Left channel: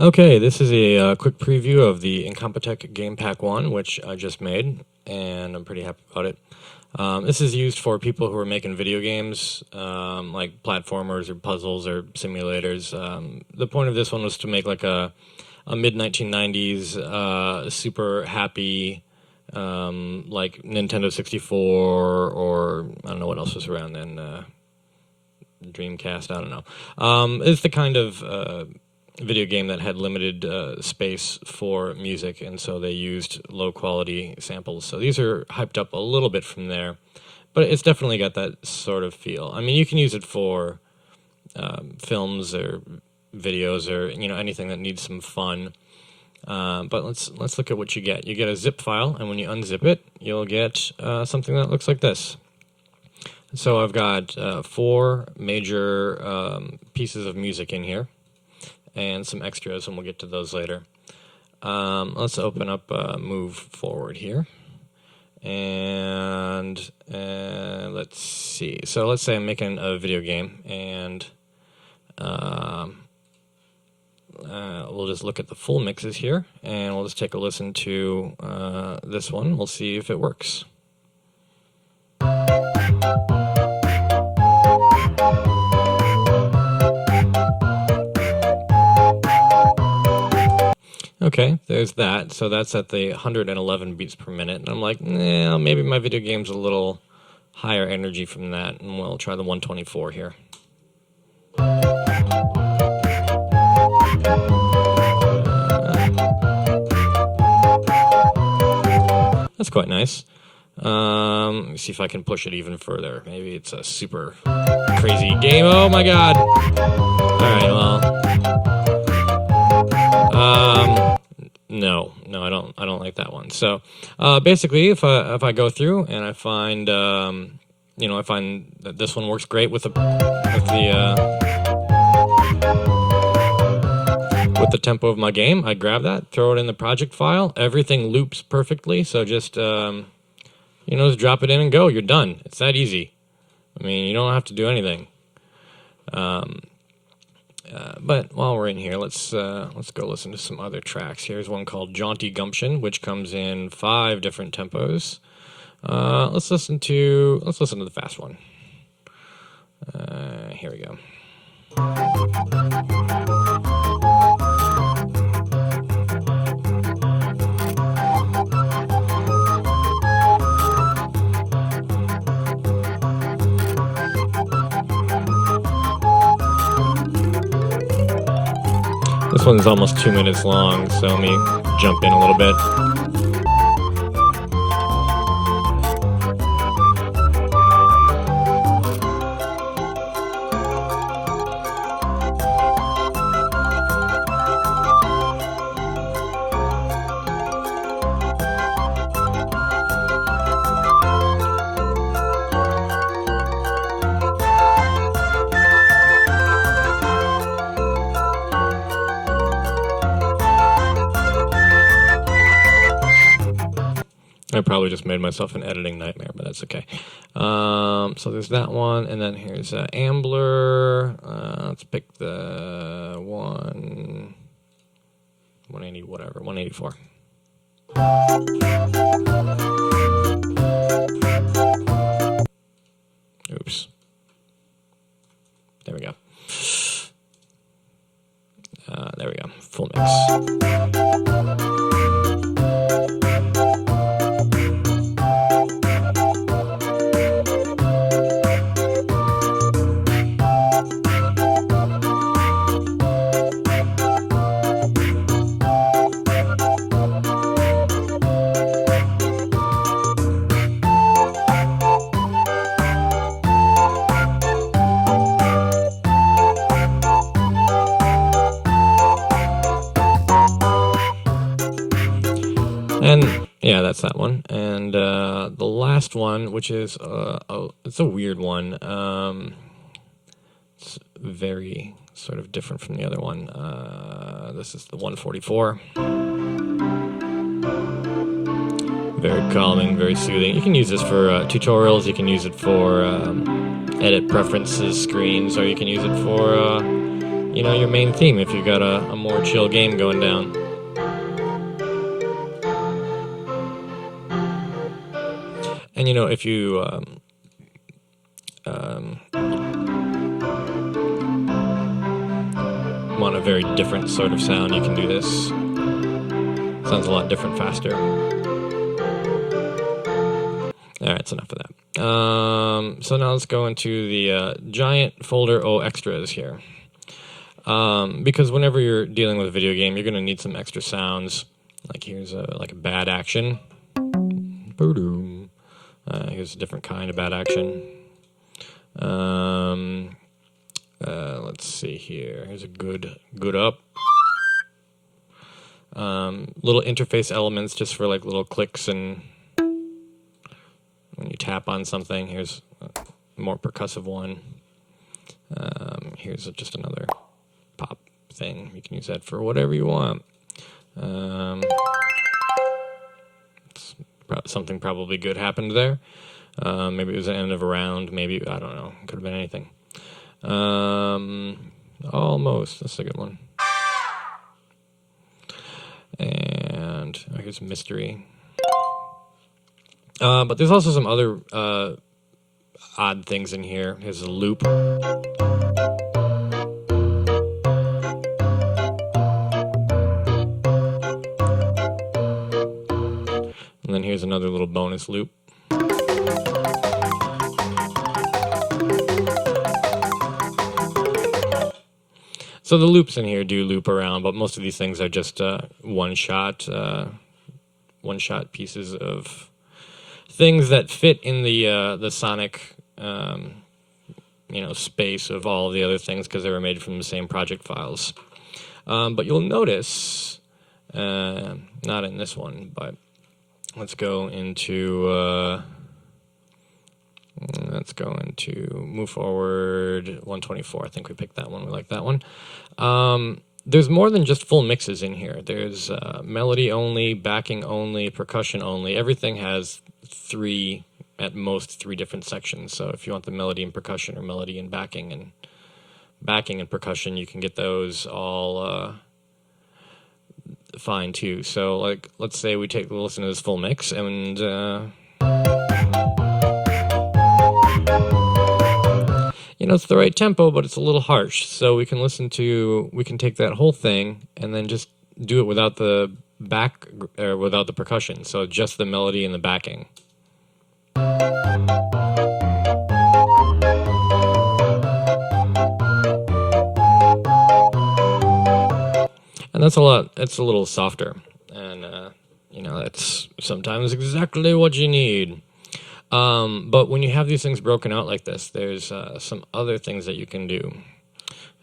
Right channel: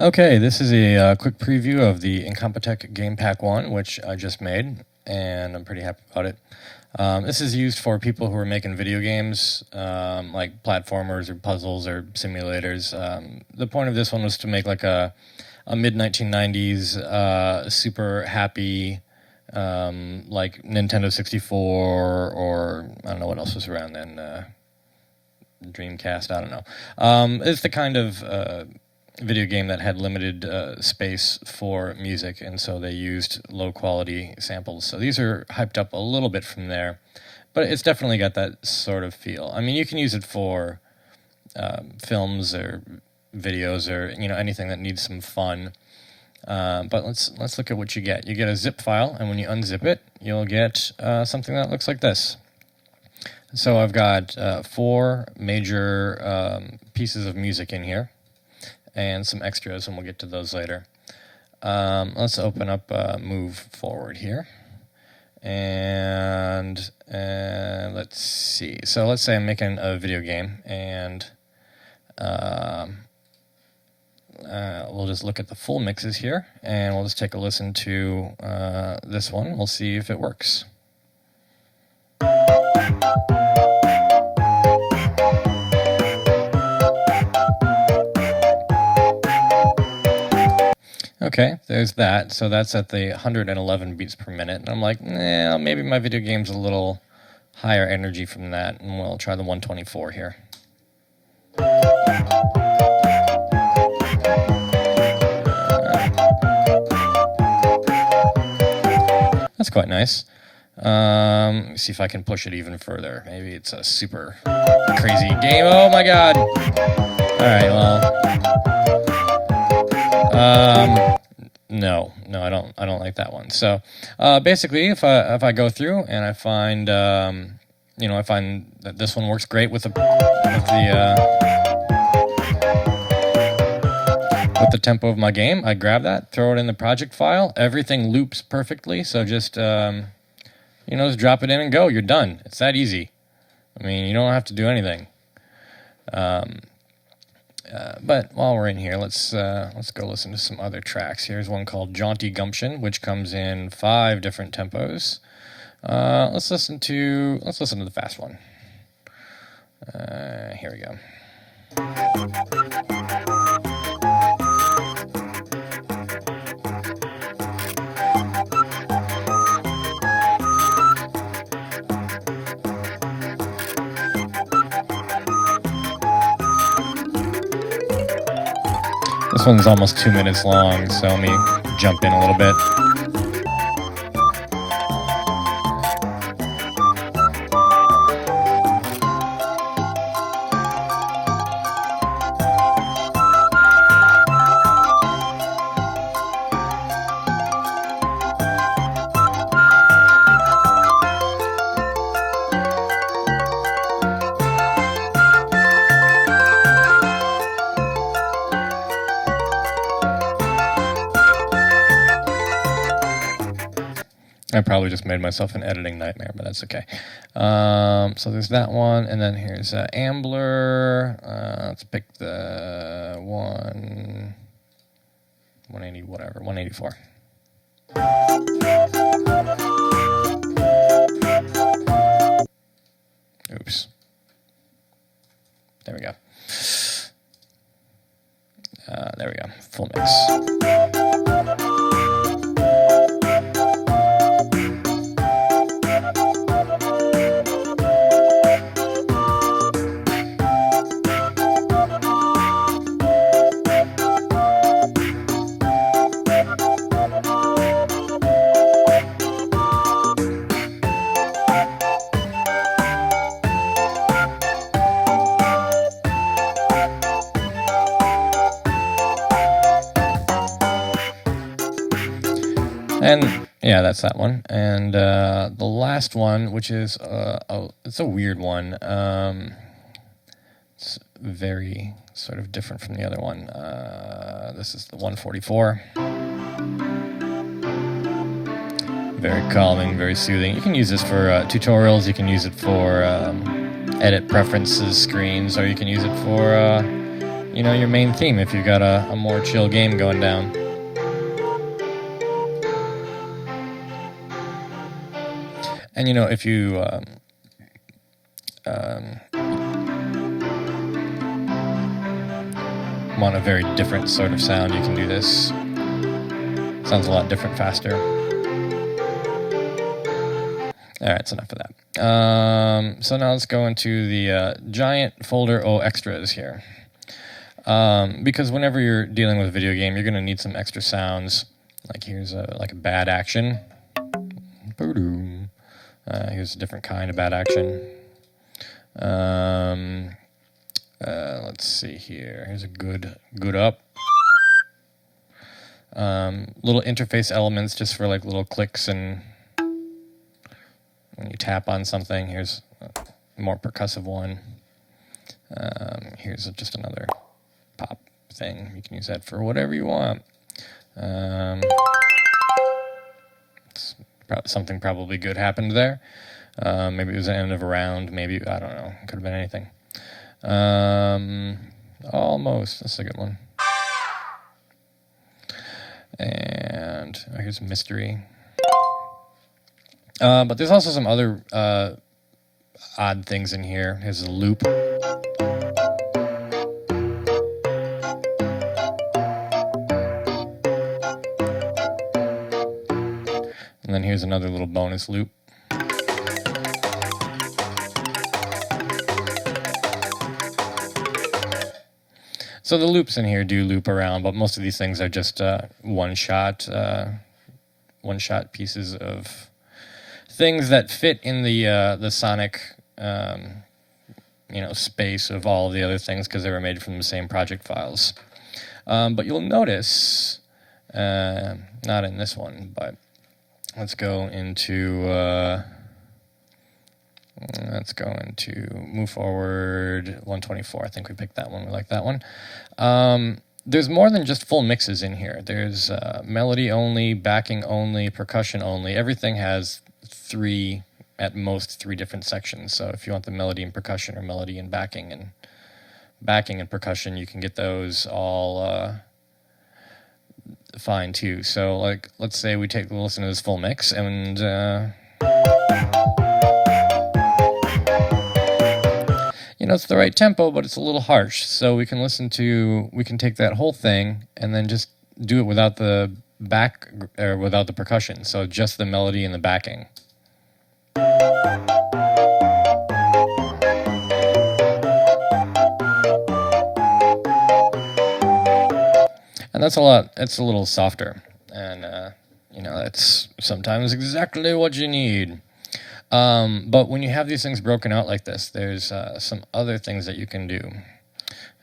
Okay, this is a quick preview of the Incompetech Game Pack 1, which I just made, and I'm pretty happy about it. This is used for people who are making video games, like platformers or puzzles or simulators. The point of this one was to make like a mid-1990s super happy, like Nintendo 64, or I don't know what else was around then, Dreamcast, I don't know. It's the kind of video game that had limited space for music, and so they used low quality samples. So these are hyped up a little bit from there, but it's definitely got that sort of feel. I mean, you can use it for films or videos or anything that needs some fun. But let's look at what you get. You get a zip file, and when you unzip it, you'll get something that looks like this. So I've got 4 major pieces of music in here, and some extras, and we'll get to those later. Let's open up Move Forward here. And let's see. So let's say I'm making a video game, and we'll just look at the full mixes here, and we'll just take a listen to this one. We'll see if it works. Okay, there's that. So that's at the 111 beats per minute. And I'm like, maybe my video game's a little higher energy from that. And we'll try the 124 here. That's quite nice. Let me see if I can push it even further. Maybe it's a super crazy game. Oh my god! All right, well... No, I don't like that one. So, basically, if I go through and I find, I find that this one works great with the tempo of my game, I grab that, throw it in the project file. Everything loops perfectly. So just, just drop it in and go. You're done. It's that easy. I mean, you don't have to do anything. But while we're in here, let's go listen to some other tracks. Here's one called Jaunty Gumption, which comes in 5 different tempos. Let's listen to the fast one. Here we go. This one's almost 2 minutes long, so let me jump in a little bit. I probably just made myself an editing nightmare, but that's okay. So there's that one, and then here's Ambler. Let's pick the 180, whatever, 184. Oops. There we go. There we go. Full mix. And yeah, that's that one. And the last one, which is it's a weird one. It's very sort of different from the other one. This is the 144. Very calming, very soothing. You can use this for tutorials. You can use it for edit preferences screens, or you can use it for you know, your main theme if you've got a more chill game going down. And you know, if you want a very different sort of sound, you can do this. Sounds a lot different, faster. All right, that's enough of that. So now let's go into the giant folder O extras here. Because whenever you're dealing with a video game, you're going to need some extra sounds. Like here's a bad action. Here's a different kind of bad action. Let's see here. Here's a good up. Little interface elements just for like little clicks and when you tap on something. Here's a more percussive one. Here's just another pop thing. You can use that for whatever you want. Something probably good happened there. Maybe it was the end of a round. Maybe, I don't know. It could have been anything. Almost. That's a good one. And here's mystery. But there's also some other odd things in here. Here's a loop. And then here's another little bonus loop. So the loops in here do loop around, but most of these things are just one-shot pieces of things that fit in the sonic space of all of the other things because they were made from the same project files. But you'll notice, not in this one, but let's go into move forward 124. I think we picked that one. We like that one. There's more than just full mixes in here. There's melody only, backing only, percussion only. Everything has at most three different sections. So if you want the melody and percussion or melody and backing and percussion, you can get those all fine too. So like, let's say we take a listen to this full mix and it's the right tempo, but it's a little harsh. So we can take that whole thing and then just do it without the without the percussion. So just the melody and the backing. And it's a little softer. And, that's sometimes exactly what you need. But when you have these things broken out like this, there's some other things that you can do.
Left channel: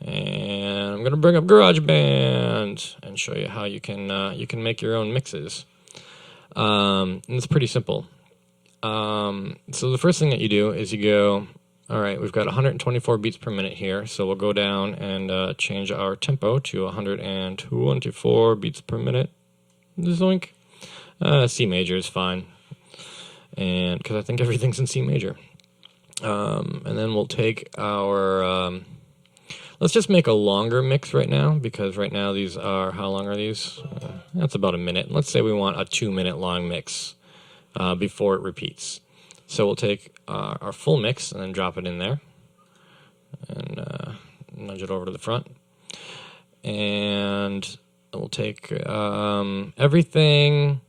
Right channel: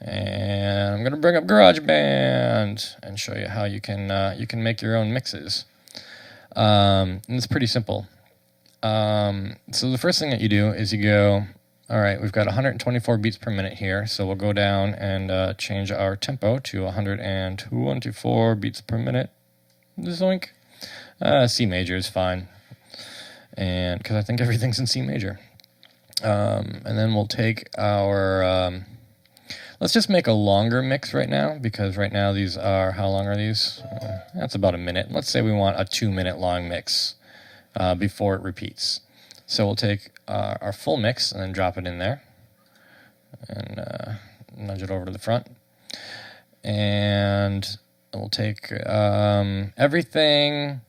And I'm going to bring up GarageBand and show you how you can make your own mixes. And it's pretty simple. So the first thing that you do is you go, all right, we've got 124 beats per minute here. So we'll go down and change our tempo to 124 beats per minute. Zoink. C major is fine. And because I think everything's in C major. And then we'll take our, let's just make a longer mix right now, because right now these are, how long are these? That's about a minute. Let's say we want a 2-minute long mix before it repeats. So we'll take our full mix and then drop it in there and nudge it over to the front. And we'll take everything.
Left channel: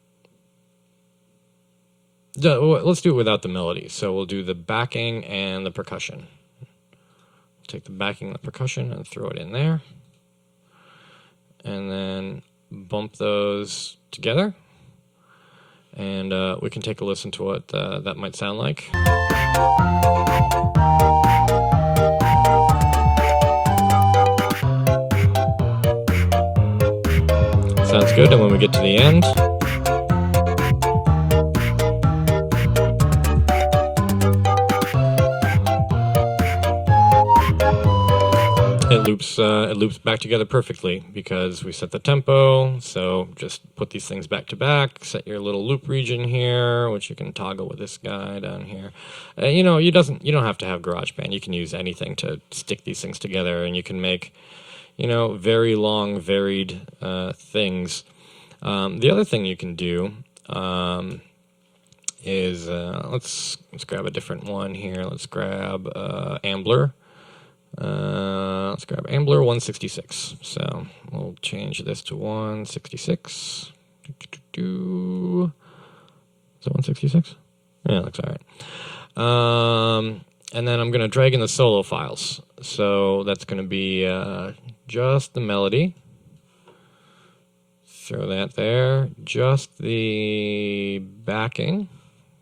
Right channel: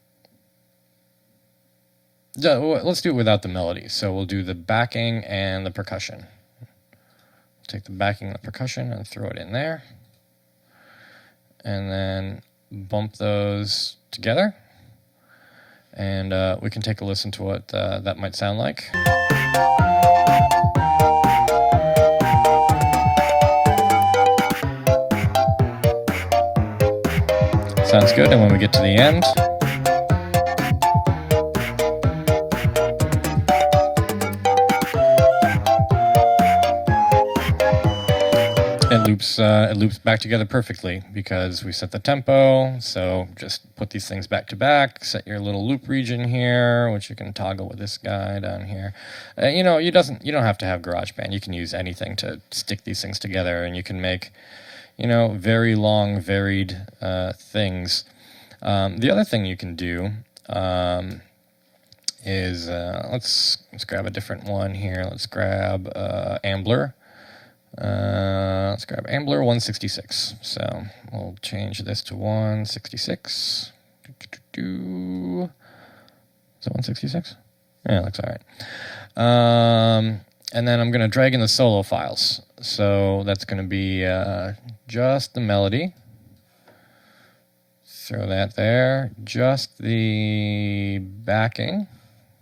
Let's do it without the melody. So we'll do the backing and the percussion. Take the backing and the percussion and throw it in there. And then bump those together. And we can take a listen to what that might sound like. Sounds good. And when we get to the end, it loops back together perfectly because we set the tempo. So just put these things back to back, set your little loop region here, which you can toggle with this guy down here. You don't have to have GarageBand. You can use anything to stick these things together, and you can make, very long, varied things. The other thing you can do is let's grab a different one here. Let's grab Ambler. Let's grab Ambler 166. So we'll change this to 166. Is it 166? Yeah, looks all right. And then I'm going to drag in the solo files. So that's going to be just the melody. Throw that there. Just the backing.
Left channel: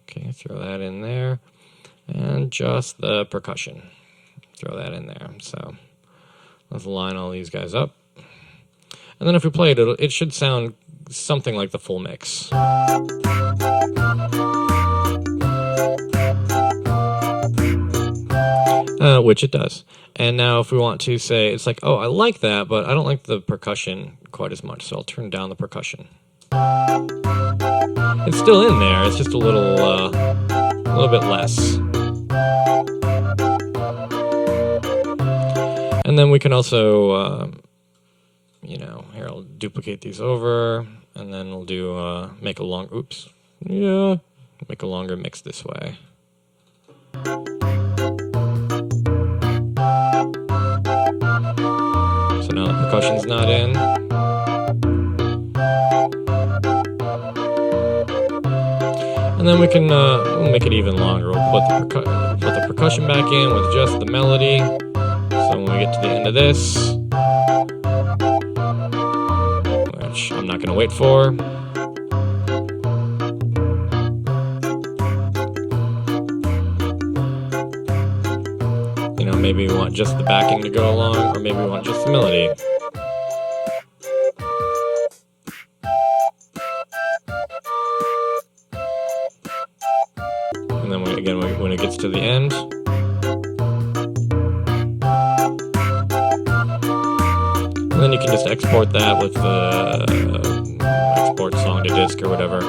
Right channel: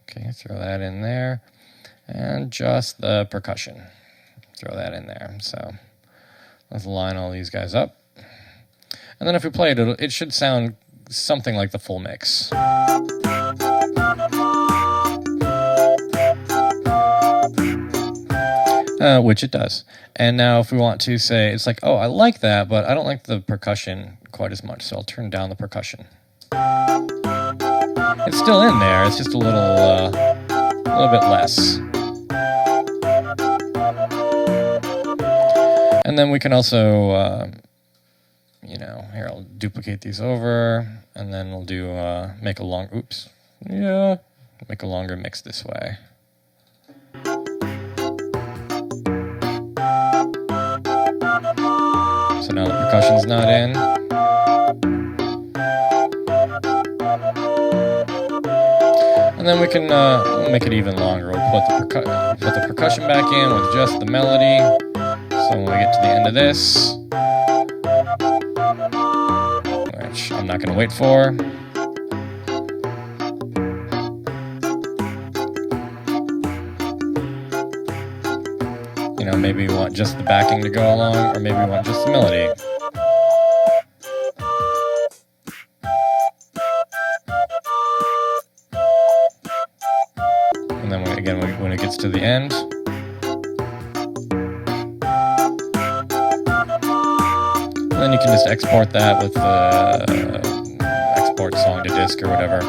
Okay, throw that in there. And just the percussion. Throw that in there. So let's line all these guys up. And then if we play it, it should sound something like the full mix. Which it does. And now if we want to say, it's like, oh, I like that, but I don't like the percussion quite as much, so I'll turn down the percussion. It's still in there, it's just a little bit less. And then we can also, here I'll duplicate these over, and then we'll do make a longer mix this way. So now the percussion's not in. And then we can we'll make it even longer. We'll put the percussion back in with just the melody. So when we get to the end of this, which I'm not going to wait for, maybe we want just the backing to go along, or maybe we want just the melody. And then when it gets to the end, and then you can just export that with export song to disk or whatever.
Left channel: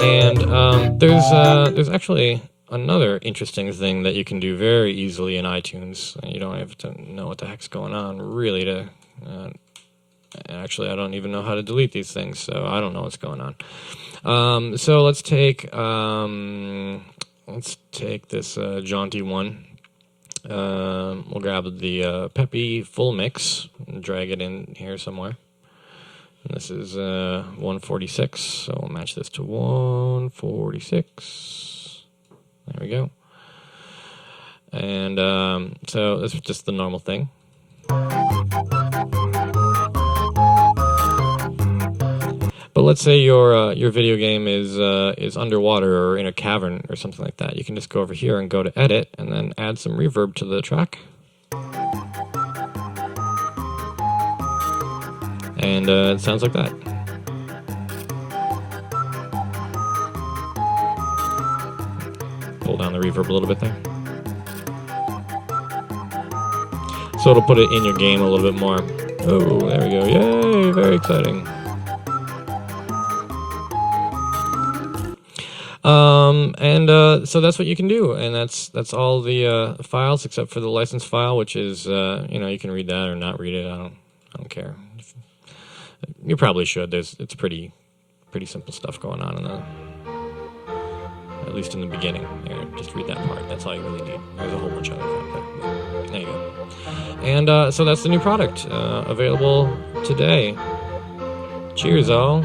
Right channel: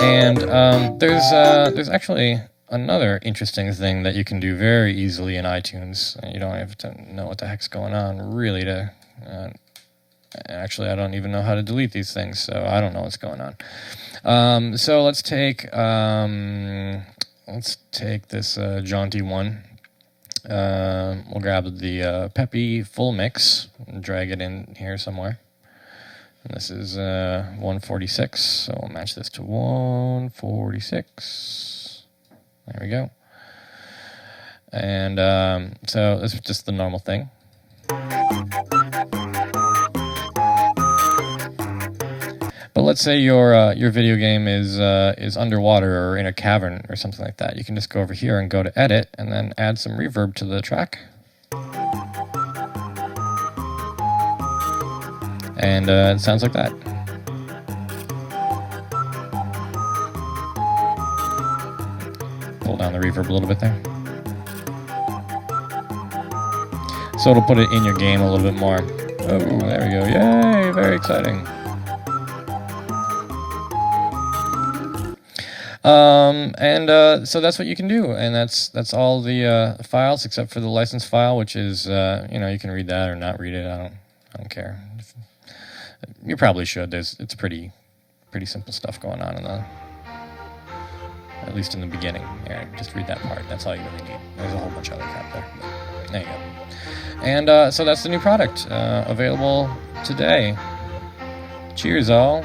And there's actually another interesting thing that you can do very easily in iTunes. You don't have to know what the heck's going on really to... actually, I don't even know how to delete these things, so I don't know what's going on. So let's take this Jaunty one. We'll grab the Peppy full mix and drag it in here somewhere. And this is 146, so we'll match this to 146. There we go. And so this is just the normal thing. But let's say your video game is underwater or in a cavern or something like that. You can just go over here and go to Edit and then add some reverb to the track. And it sounds like that. Pull down the reverb a little bit there. So it'll put it in your game a little bit more. Oh, there we go. Yay, very exciting. So that's what you can do, and that's all the files except for the license file, which is you can read that or not read it. I don't care. You probably should. It's pretty simple stuff going on at least in the beginning. Here, just read that part. That's all you really need. There's a whole bunch of other crap there. But there you go. And so that's the new product available today. Cheers, all.